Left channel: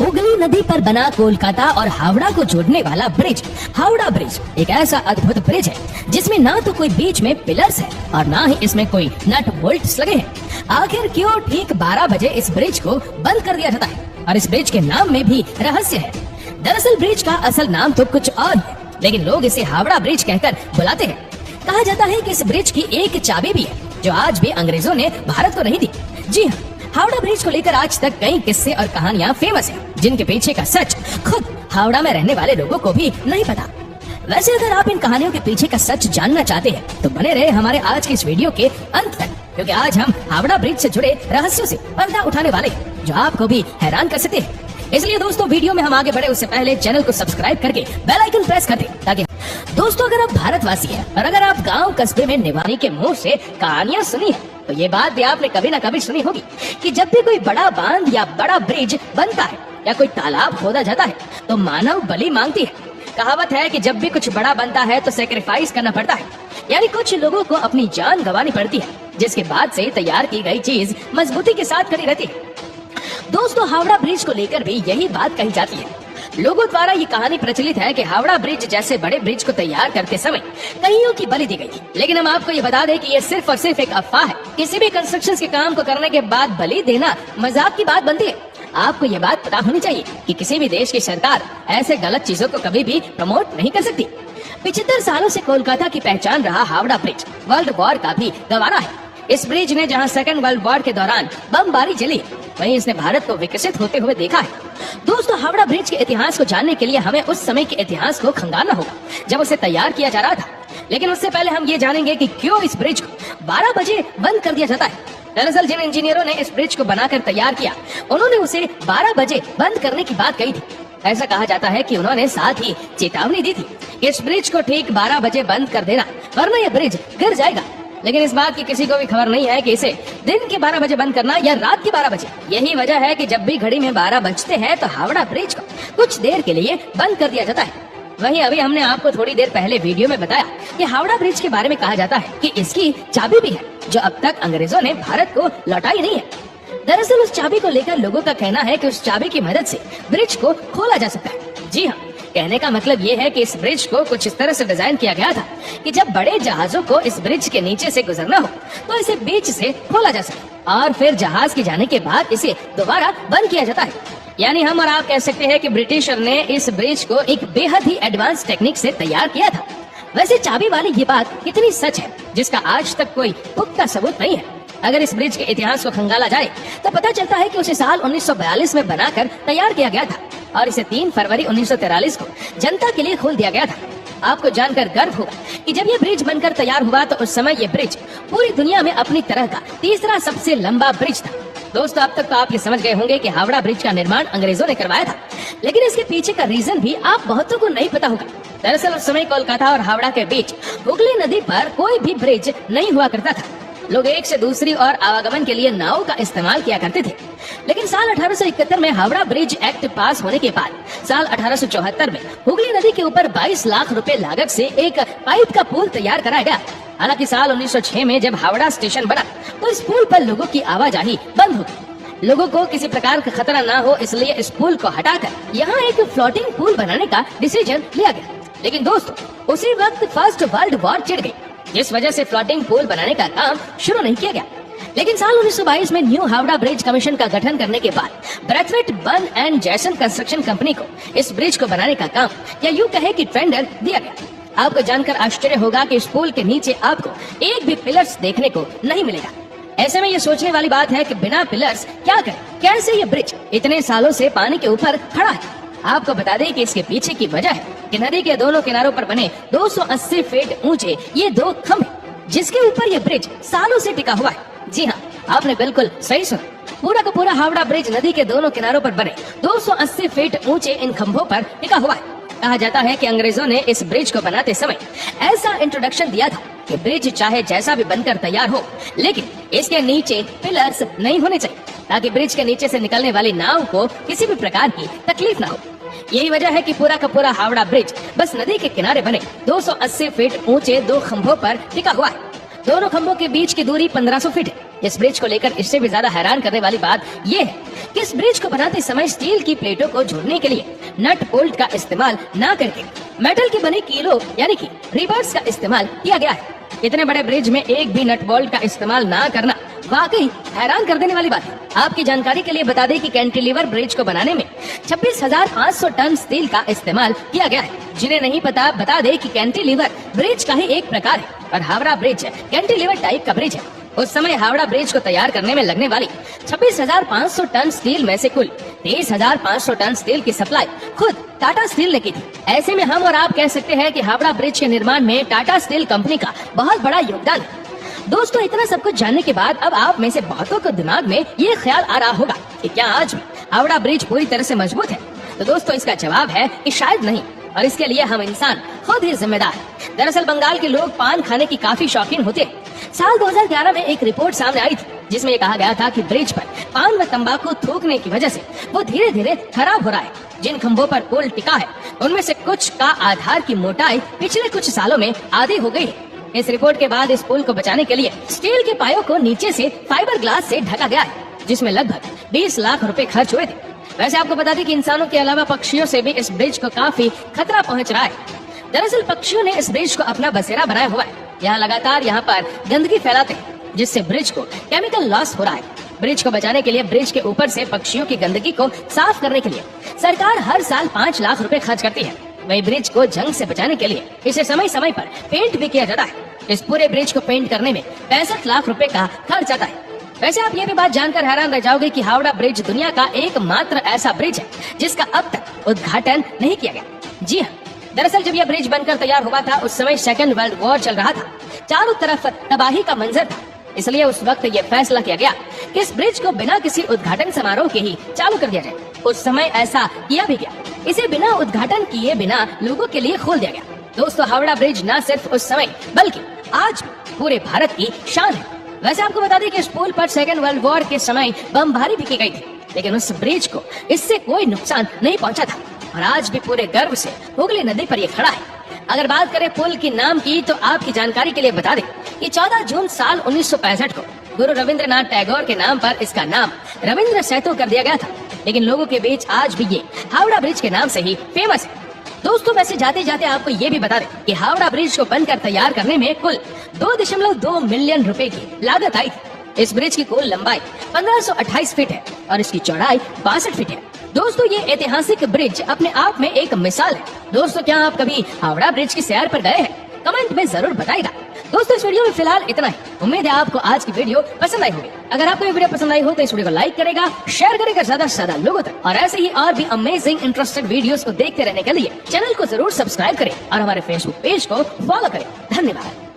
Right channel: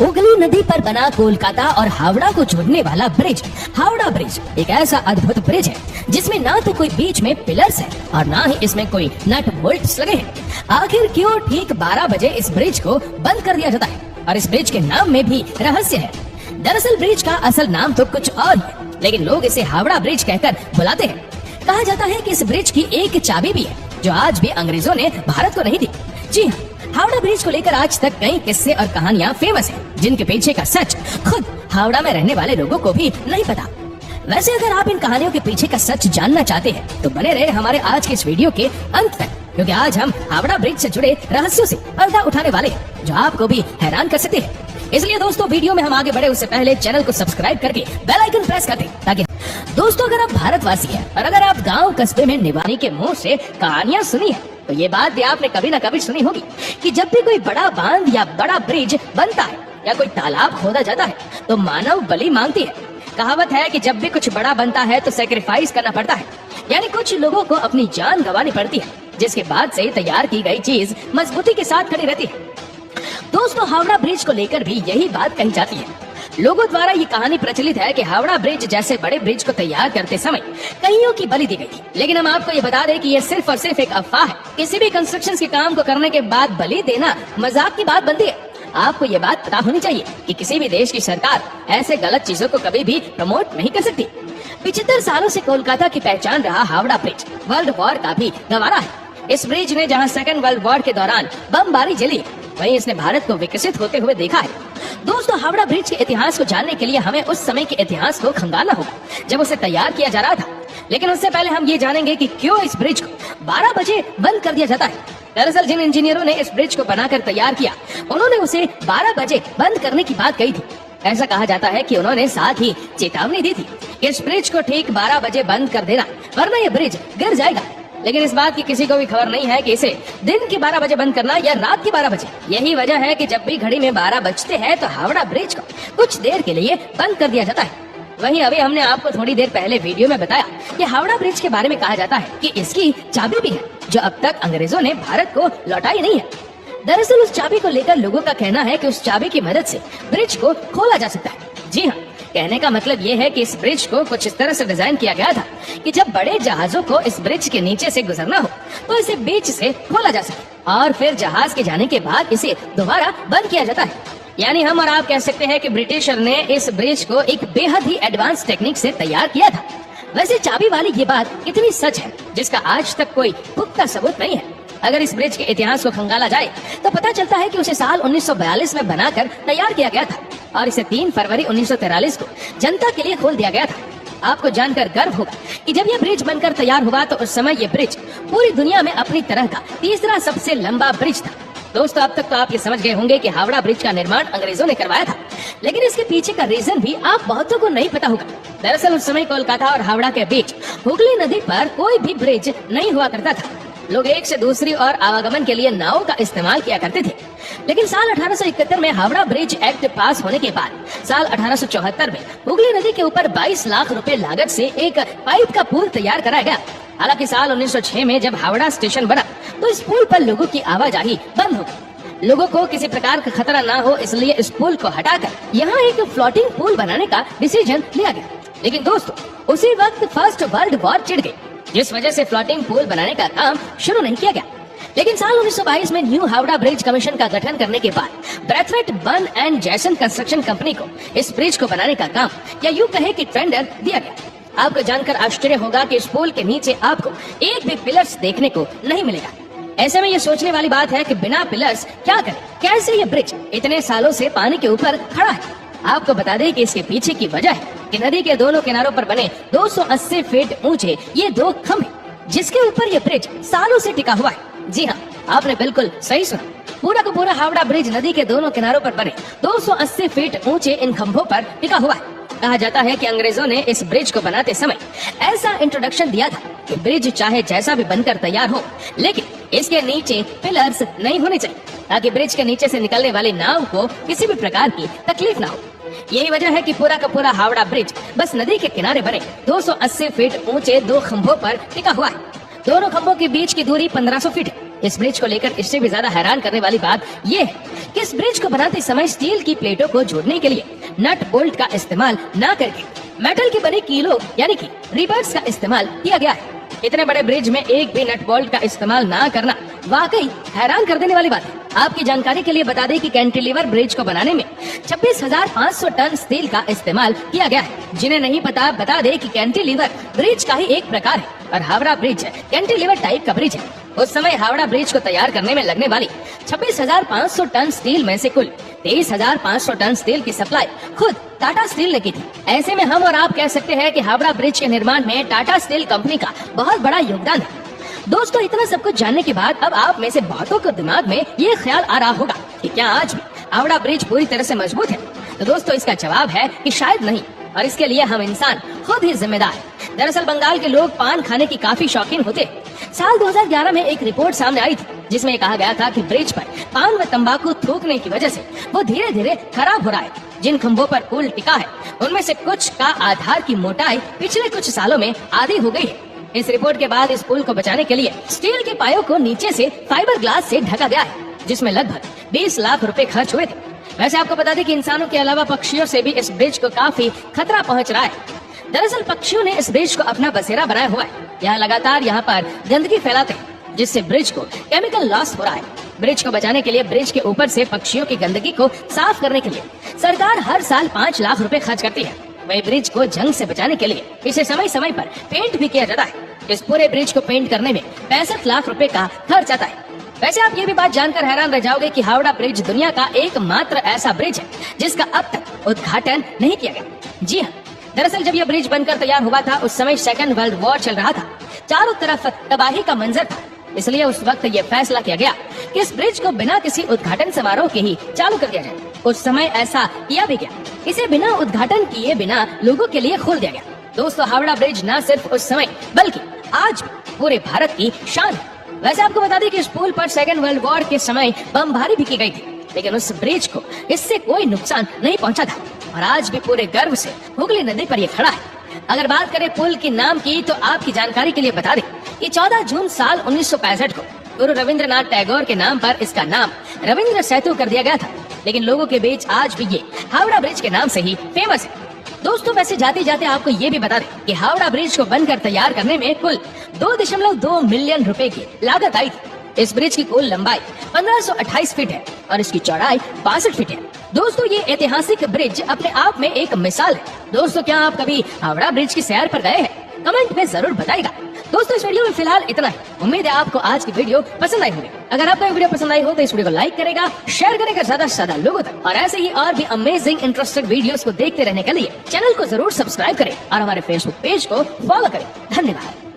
हुगली नदी पर बना कोलकाता और हावड़ा को जोड़ने वाला ब्रिज हावड़ा ब्रिज एक ऐसा अद्भुत ब्रिज है जिसमें ना तो कोई बीच में पिलर्स है और ना ही इसमें कोई नट बोल्ट्स लगे हैं। आखिर क्यों ठीक 12 बजे इस ब्रिज को बंद कर दिया जाता है और इस ब्रिज के नाम में भी रहस्य है। दरअसल ब्रिज का असल नाम तो कुछ और है, लेकिन लोग इसे हावड़ा ब्रिज कहकर बुलाते हैं। कहा जाता है कि इस ब्रिज की एक चाबी भी है जो आज भी अंग्रेजों ने भारत को नहीं दी। जी हाँ, हावड़ा ब्रिज को लेकर आज तक कई किस्से और कहानियां फेमस हैं, जिनके पीछे का सच खुद हावड़ा में रहने वाले लोगों को भी नहीं पता। वैसे अगर आप इन कहानियों के पीछे का सच जानना चाहते हैं तो बने रहे हमारे आज के इस वीडियो के अंत तक, क्योंकि आज हम हावड़ा ब्रिज से जुड़े रहस्यों से पर्दा उठाने वाले हैं जो आपको भी हैरान कर सकते हैं। इसलिए दोस्तों, वीडियो में हम आगे बढ़े उससे पहले चैनल को सब्सक्राइब करके बेल आइकन प्रेस कर दें, ताकि दोस्तों अगर आप भारतवासी हैं और अगर आप गांव कस्बे में निवासी के मुंह से कहानियां सुनी है तो ये बात भी आपने कभी न कभी सुनी होगी कि जब भी कोई बड़ा बांध या बड़ा ब्रिज बनता है या कोई तालाब खोदा जाता है तो मानव बलि मांगती है। कहावत है कि जब भी कुछ बड़ा बनता है तो सैक्रिफाइस करना पड़ता है, यानी कुछ लोगों को अपनी जान गंवानी पड़ती है, जिसके बाद से तैयार की गई चीज मजबूती के साथ खड़ी रहती है। दोस्तों, हावड़ा ब्रिज को लेकर भी यही बात कही जाती है। लोगों द्वारा ये कहानी प्रचलित है कि हावड़ा ब्रिज जैसे बड़े ब्रिज को तैयार करते समय कईयों की बलि दी गई थी, लेकिन हम आपको ये बता दें कि ये सिर्फ और सिर्फ एक अफवाह है। किसी भी कंस्ट्रक्शन के काम को करने के बाद बलि देना मजाक की बात बनती है। आपको ये बात पता होनी चाहिए कि किसी भी देश की सरकार ऐसे गलत चीजों को कभी भी प्रमोट नहीं कर सकती। 75 सालों से कोलकाता की पहचान रहा हावड़ा ब्रिज वर्ल्ड वॉर का भी गवारा है। इस ब्रिज ने जहां सेकंड वर्ल्ड वॉर के दौरान बमबारी झेली, वहीं इसने भारत को विकसित होते हुए देखा है। दोस्तों, हावड़ा ब्रिज के इतिहास को जानने के लिए हमें उस समय के इतिहास को खंगालना होगा जब उसे तैयार किया जा रहा था। लेकिन उससे पहले हम ये जानेंगे कि क्यों इस ब्रिज को 12 बजे बंद कर दिया जाता है। दरअसल जिन इंजीनियरों ने इस ब्रिज को बनाकर तैयार किया, उन्होंने उसे 12 बजे बंद करने की बात कही थी। ऐसा कहा जाता है कि उन्होंने साथ ही चेतावनी दी थी कि इस ब्रिज को ठीक 12 बजे बंद कर देना, वरना यह ब्रिज गिर जाएगा। लेकिन इस बात की किसी को भी खबर नहीं है कि इसे दिन के 12 बजे बंद करना या रात के 12 बजे। यही वजह है कि जब भी घड़ी में 12 बजते हैं तो हावड़ा ब्रिज को कुछ देर के लिए बंद कर दिया जाता है। वहीं अभी हमने आपको थोड़ी देर पहले वीडियो में बताया कि हावड़ा ब्रिज के बारे में कहा जाता है कि इसकी चाबी भी है जो अब तक अंग्रेजों ने भारत को लौटाई नहीं है। दरअसल उस चाबी को लेकर लोगों का कहना है कि उस चाबी की मदद से ब्रिज को खोला जा सकता है। जी हाँ, कहने का मतलब ये है कि इस ब्रिज को कुछ इस तरह से डिजाइन किया गया था कि जब बड़े जहाजों को इस ब्रिज के नीचे से गुजरना हो तो इसे बीच से खोला जा सके और फिर जहाज के जाने के बाद इसे दोबारा बंद किया जाता है। यानी हम और आप कह सकते हैं कि ब्रिटिशर ने इस ब्रिज को एक बेहद ही एडवांस टेक्निक से तैयार किया था। वैसे चाबी वाली ये बात कितनी सच है जिसका आज तक कोई पुख्ता सबूत नहीं है। अगर इस ब्रिज के इतिहास को खंगाला जाए तो पता चलता है कि उसे साल 1942 में बनाकर तैयार किया गया था और इसे 3 फरवरी 1943 को जनता के लिए खोल दिया गया था। आपको जानकर गर्व होगा कि जब यह ब्रिज बनकर तैयार हुआ तो उस समय यह ब्रिज पूरी दुनिया में अपनी तरह का तीसरा सबसे लंबा ब्रिज था। दोस्तों, अब तक तो आप ये समझ गए होंगे कि हावड़ा ब्रिज का निर्माण अंग्रेजों ने करवाया था, लेकिन इसके पीछे का रीजन भी आप बहुतों को नहीं पता होगा। दरअसल उस समय कोलकाता और हावड़ा के बीच हुगली नदी पर कोई भी ब्रिज नहीं हुआ करता था। लोग एक से दूसरी और आवागमन के लिए नावों का इस्तेमाल किया करते थे। लेकिन साल 1871 में हावड़ा ब्रिज एक्ट पास होने के बाद साल 1874 में हुगली नदी के ऊपर 22 लाख रुपए लागत से एक पाइप का पुल तैयार कराया गया। हालांकि साल 1906 में जब हावड़ा स्टेशन बना तो इस पुल पर लोगों की आवाजाही बंद हो गई। लोगों को किसी प्रकार का खतरा न हो इसलिए इस पुल को हटाकर यहाँ एक फ्लोटिंग पुल बनाने का डिसीजन लिया गया। लेकिन दोस्तों, उसी वक्त फर्स्ट वर्ल्ड वॉर छिड़ गई, जिस वजह से फ्लोटिंग पुल बनाने का काम शुरू नहीं किया गया। लेकिन साल 1922 में न्यू हावड़ा ब्रिज कमीशन का गठन करने के बाद ब्रैथवेट बर्न एंड जैसन कंस्ट्रक्शन कंपनी को इस ब्रिज को बनाने का काम या यूं कहे कि टेंडर दिया गया। आपको जानकर आश्चर्य होगा कि इस पुल के नीचे आपको एक भी पिलर्स देखने को नहीं मिलेगा। ऐसे में ये सोचने वाली बात है कि बिना पिलर्स क्या करें, कैसे ये ब्रिज इतने सालों से पानी के ऊपर खड़ा है। आपको बता दें कि इसके पीछे की वजह है कि नदी के दोनों किनारों पर बने 280 फीट ऊंचे ये 2 खंभे, जिसके ऊपर ये ब्रिज सालों से टिका हुआ है। जी हाँ, आपने बिल्कुल सही सुना। पूरा का पूरा हावड़ा ब्रिज नदी के दोनों किनारों पर बने 280 फीट ऊंचे इन खंभों पर टिका हुआ है। कहा जाता है कि अंग्रेजों ने इस ब्रिज को बनाते समय ऐसा इंट्रोडक्शन दिया था कि ब्रिज चाहे जैसा भी बनकर तैयार हो, लेकिन इसके नीचे पिलर्स नहीं होने चाहिए, ताकि ब्रिज के नीचे से निकलने वाली नाव को किसी भी प्रकार की तकलीफ न हो। यही वजह है कि पूरा का पूरा हावड़ा ब्रिज बस नदी के किनारे बने 280 फीट ऊंचे 2 खंभों पर टिका हुआ है। दोनों खंभों के बीच की दूरी 1500 फीट है। इस ब्रिज को लेकर इससे भी ज्यादा हैरान करने वाली बात यह है कि इस ब्रिज को बनाते समय स्टील की प्लेटों को जोड़ने के लिए नट बोल्ट का इस्तेमाल न करके मेटल के बने कीलों यानी कि रिबर्स का इस्तेमाल किया गया है। इतने बड़े ब्रिज में एक भी नट बोल्ट का इस्तेमाल ना करना वाकई हैरान कर देने वाली बात है। आपकी जानकारी के लिए बता दें कि कैंटिलीवर ब्रिज को बनाने में 26,500 टन स्टील का इस्तेमाल किया गया है। जिन्हें नहीं पता बता दें कि कैंटिलीवर ब्रिज का ही एक प्रकार है और हावड़ा ब्रिज कैंटिलीवर टाइप का ब्रिज है। उस समय हावड़ा ब्रिज को तैयार करने में लगने वाली 26,500 टन स्टील में से कुल 23,500 टन स्टील की सप्लाई खुद टाटा स्टील ने की थी। ऐसे में हम और आप कह सकते हैं कि हावड़ा ब्रिज के निर्माण में टाटा स्टील कंपनी का बहुत बड़ा योगदान है। दोस्तों, इतना सब कुछ जानने के बाद अब आप में से बहुतों को दिमाग में ये ख्याल आ रहा होगा कि क्या आज भी हावड़ा ब्रिज पूरी तरह से मजबूत है? तो दोस्तों, इसका जवाब है कि शायद नहीं, और इसके लिए हम इंसान खुद ही जिम्मेदार हैं। दरअसल बंगाल के लोग पान खाने की काफी शौकीन होते हैं। साल 2011 में एक रिपोर्ट सामने आई थी जिसमें कहा गया था कि ब्रिज पर पान व तंबाकू थूकने की वजह से वो धीरे धीरे खराब हो रहा है। जिन खंभों पर पुल टिका है उनमें से कुछ का आधार की मोटाई पिछले कुछ सालों में आधी हो गई है। इस रिपोर्ट के बाद इस पुल को बचाने के लिए स्टील के पायों को नीचे से फाइबर ग्लास से ढका गया है, जिसमें लगभग 20 लाख रुपए खर्च हुए थे। वैसे आपको बता दें कि इंसानों के अलावा पक्षियों से भी इस ब्रिज को काफी खतरा पहुंच रहा है। दरअसल पक्षियों ने इस ब्रिज को अपना बसेरा बनाया हुआ है। यह लगातार यहाँ पर गंदगी फैलाते हैं, जिससे ब्रिज को केमिकल लॉस हो रहा है। ब्रिज को बचाने के लिए ब्रिज के ऊपर से पक्षियों की गंदगी को साफ करने के लिए सरकार हर साल 5 लाख रुपए खर्च करती है। वही ब्रिज को जंग से बचाने के लिए इसे समय समय पर पेंट भी किया जाता है। इस पूरे ब्रिज को पेंट करने में 65 लाख रुपए का खर्च आता है। वैसे आप ये भी बात जानकर हैरान रह जाओगे कि हावड़ा ब्रिज दुनिया का एकमात्र ऐसा ब्रिज है जिसका अब तक उद्घाटन नहीं किया गया। जी हाँ, दरअसल जब यह ब्रिज बनकर तैयार हुआ था उस समय सेकेंड वर्ल्ड वॉर चल रहा था। चारों तरफ तबाही का मंजर था, इसलिए उस वक्त ये फैसला किया गया कि इस ब्रिज को बिना किसी उद्घाटन समारोह के ही चालू कर दिया जाए। उस समय ऐसा किया भी गया। इसे बिना उद्घाटन किए बिना लोगों के लिए खोल दिया गया। दोस्तों, हावड़ा ब्रिज न सिर्फ उस समय बल्कि आज भी पूरे भारत की शान है। वैसे आपको बता दें कि इस पुल पर सेकेंड वर्ल्ड वॉर के समय बमबारी भी की गई थी, लेकिन उस ब्रिज को इससे कोई नुकसान नहीं पहुंचा था और आज भी पूरे गर्व से हुगली नदी पर यह खड़ा है। अगर बात करें पुल के नाम की तो आपकी जानकारी के लिए बता दें कि 14 जून साल 1965 को गुरु रविंद्रनाथ टैगोर के नाम पर इसका नाम रविंद्र सेतु कर दिया गया था। लेकिन लोगों के बीच आज भी ये हावड़ा ब्रिज के नाम से ही फेमस है। दोस्तों, वैसे जाते जाते आपको ये भी बता दें कि हावड़ा ब्रिज को बनकर तैयार करने में कुल 2.2 मिलियन रुपए की लागत आई थी। इस ब्रिज की कुल लंबाई 1528 फीट है और इसकी चौड़ाई 62 फीट है। दोस्तों, ये ऐतिहासिक ब्रिज अपने आप में एक मिसाल है। दोस्तों, क्या आप कभी हावड़ा ब्रिज की सैर पर गए हैं? कमेंट में जरूर बताइएगा। दोस्तों, इस वीडियो में फिलहाल इतना ही। उम्मीद है आपको आज की वीडियो पसंद आई होगी। अगर आपको ये वीडियो पसंद आई हो तो इस वीडियो को लाइक करेगा, शेयर करेगा ज्यादा से ज्यादा लोगों तक, और ऐसे ही और भी अमेजिंग इंटरेस्टिंग वीडियोस को देखते रहने के लिए चैनल को जरूर सब्सक्राइब करें और हमारे फेसबुक पेज को फॉलो करें। धन्यवाद।